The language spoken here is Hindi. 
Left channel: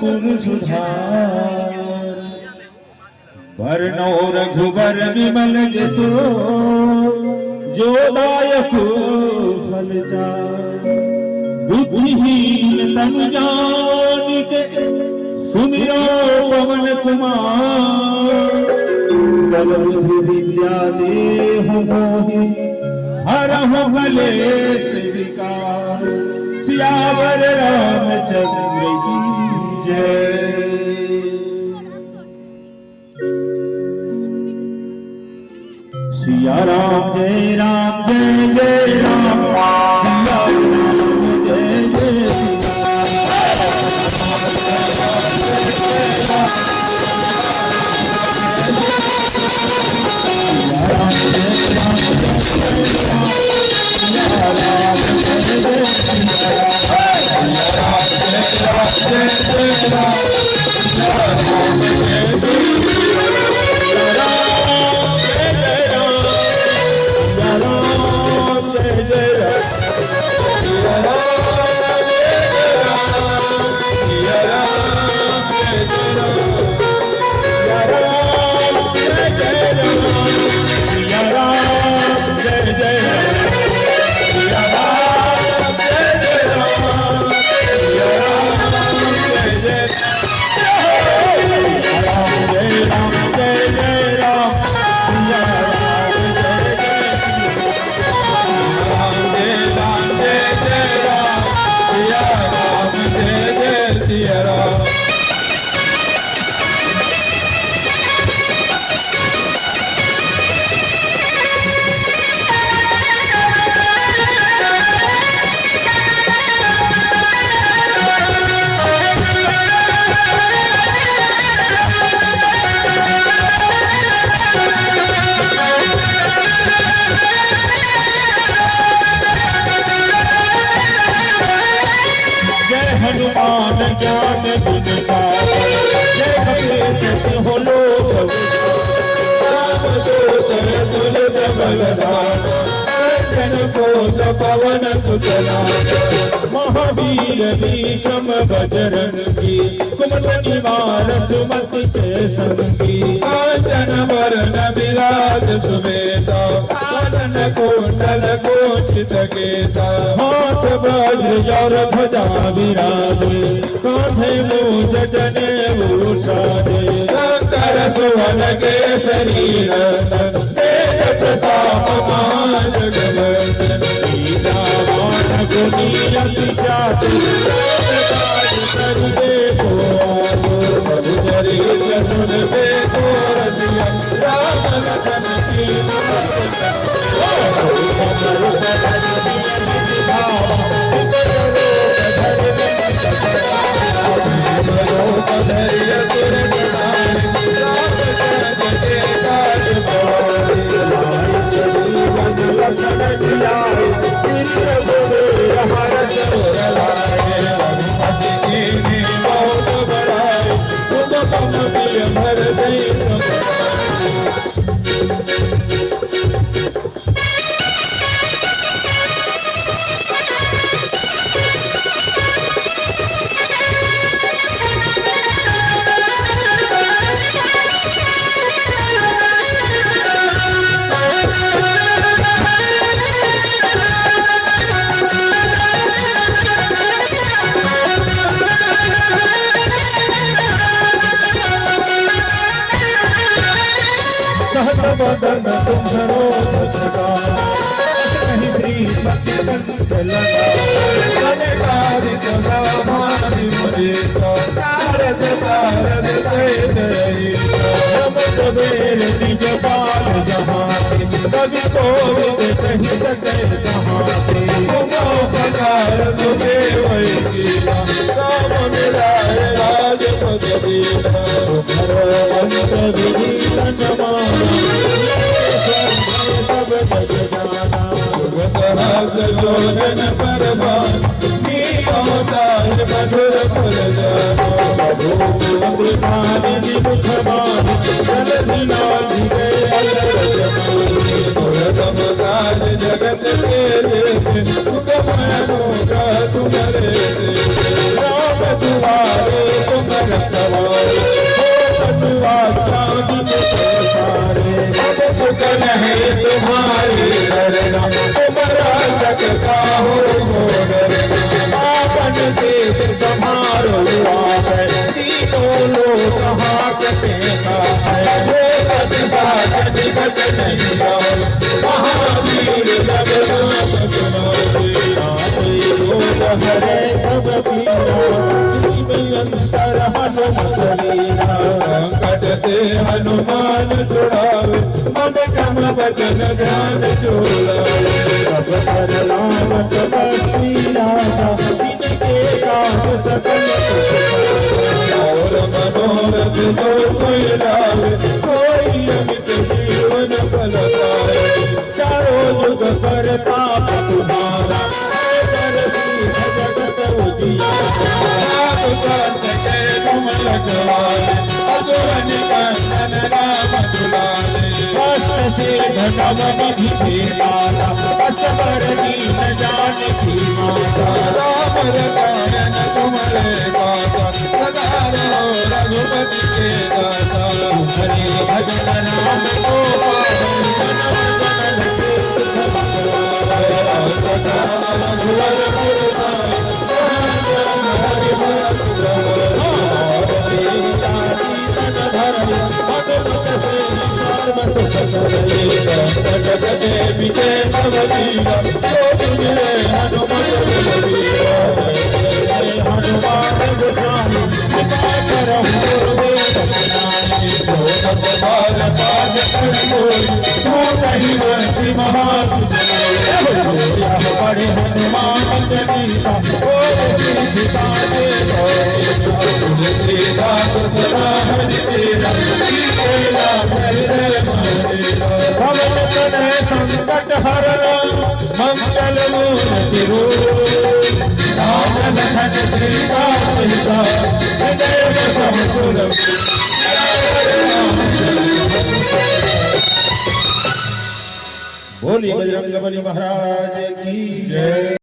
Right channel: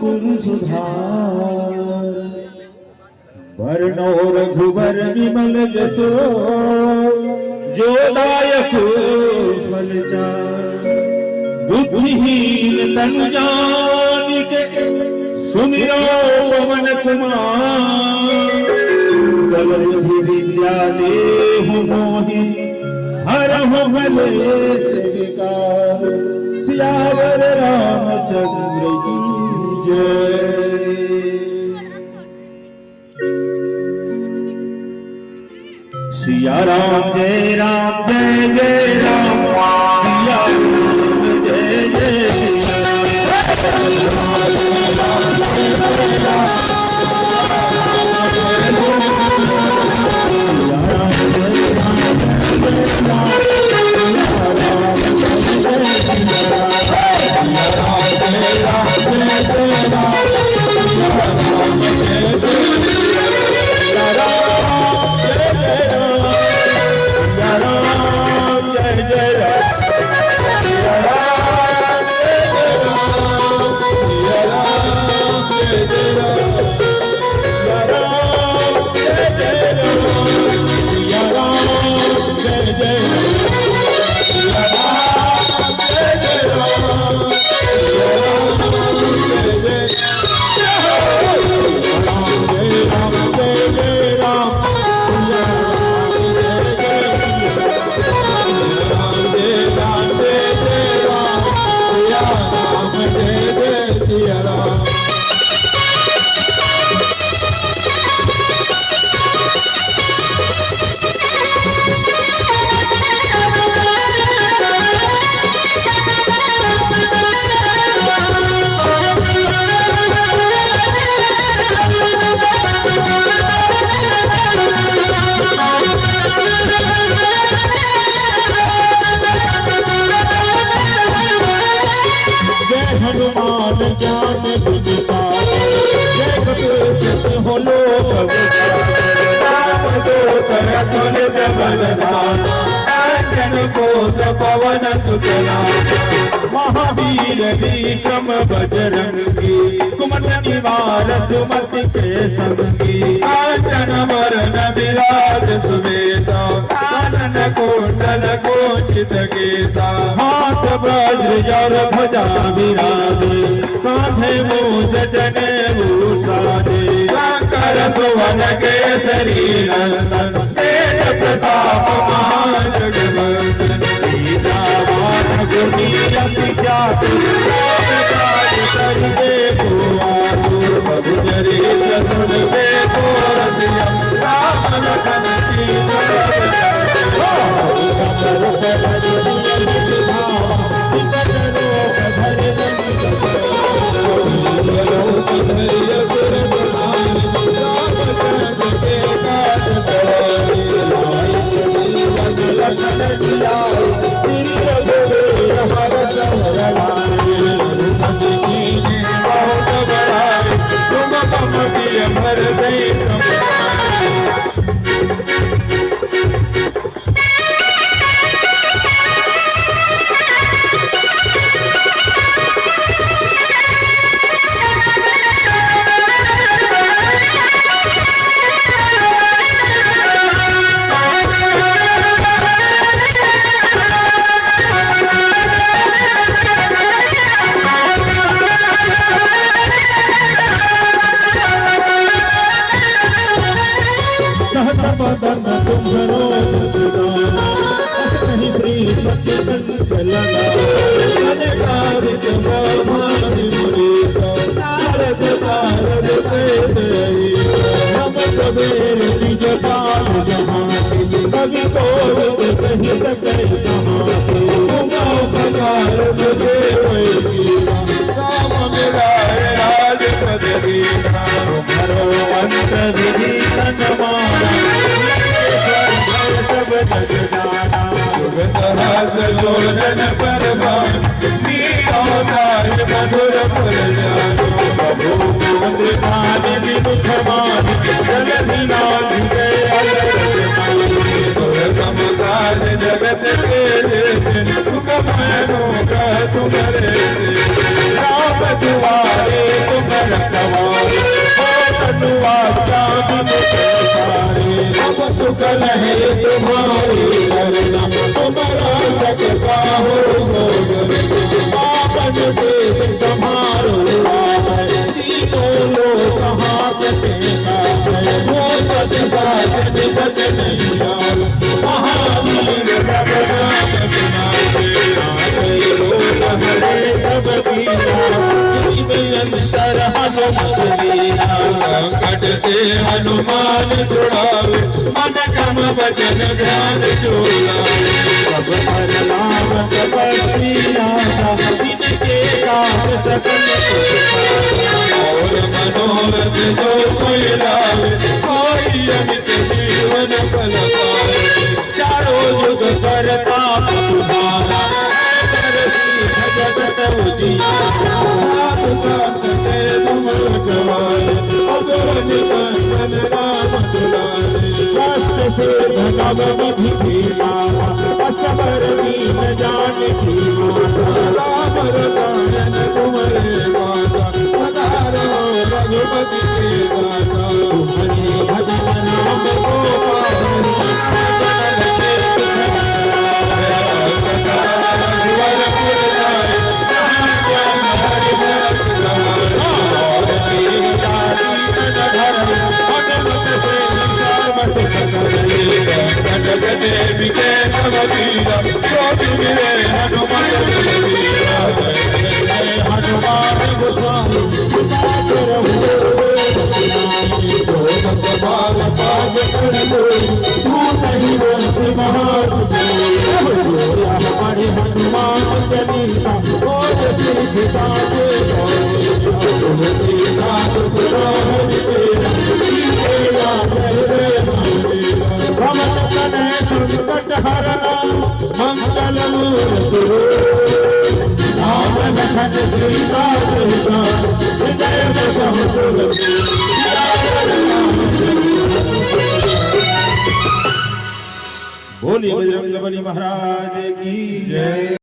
गुण सुधार वर्णो रघुवर विमल जसो जो दायक फल चार बुद्धिहीन तनु जानिके सुमिरो पवन कुमार कल बुद्धि विद्या देह मोहि हरहु भलेश विकार सियावर रामचंद्र की जय। सिया राम जय राम जय जय राम सिया राम जय जय हनुमान ज्ञान गुण सागर जय भगवती हो लोक जन को पवन सुतना महावीर विक्रम बजरंगी कुमत निवार सुमति के संगी कांचन वरण विराज सुवेता कानन कुंडल कोचित केसा हाथ वज्र जल ध्वजा विराजे कांधे मूज जनेऊषादे शंकर सुवन केसरी नंदन तेज प्रताप महाजगवंदन सीतावान गुणियति जाति सर्वे को आगो प्रभु चरित्र सुन से को रसिया राम लखन सीता बदन तुम्हारो कहीं प्रीत चला अनेकारिक भारी मुरी तारद तारद तेरी हम कबीर निज पाल जहां कभी तो कहीं सके तुम्हारी तुमो पधार मुझे कोई कीला साम मेरा राज पद दीना तुम्हारो अंत विधि तन्माना जोड़न परवान मधुर फल जानो प्रभु मुख मान जगत नाथ जगत के सुख मनो का तुम्हारे राम दुआरे तुम अंतर हनुमत वीरा संकट से हनुमान छुड़ावे मन क्रम भजन ध्यान जोड़ावे सब पर नाम जपती राधा जिनके काम सकल और मनोरथ जो कोई लावे कोई अमित जीवन फल पावे चारों युग परताप तुम्हारा जगत उजियारा संकटे तुम रखवारे असुर निकंदन राम दुलारे अष्ट से भगवन विभीषण असबर दीन जानकी माता राम रसायन तुम्हारे गाथा सदा रहो रघुपति के दाता तुम्हारे भजन नाम को बड़े हनुमान चालीसा संकट हरण मंगल मूर्ति राम लखन सीता सहिता हृदय बोली बजरंग बली महाराज की जय।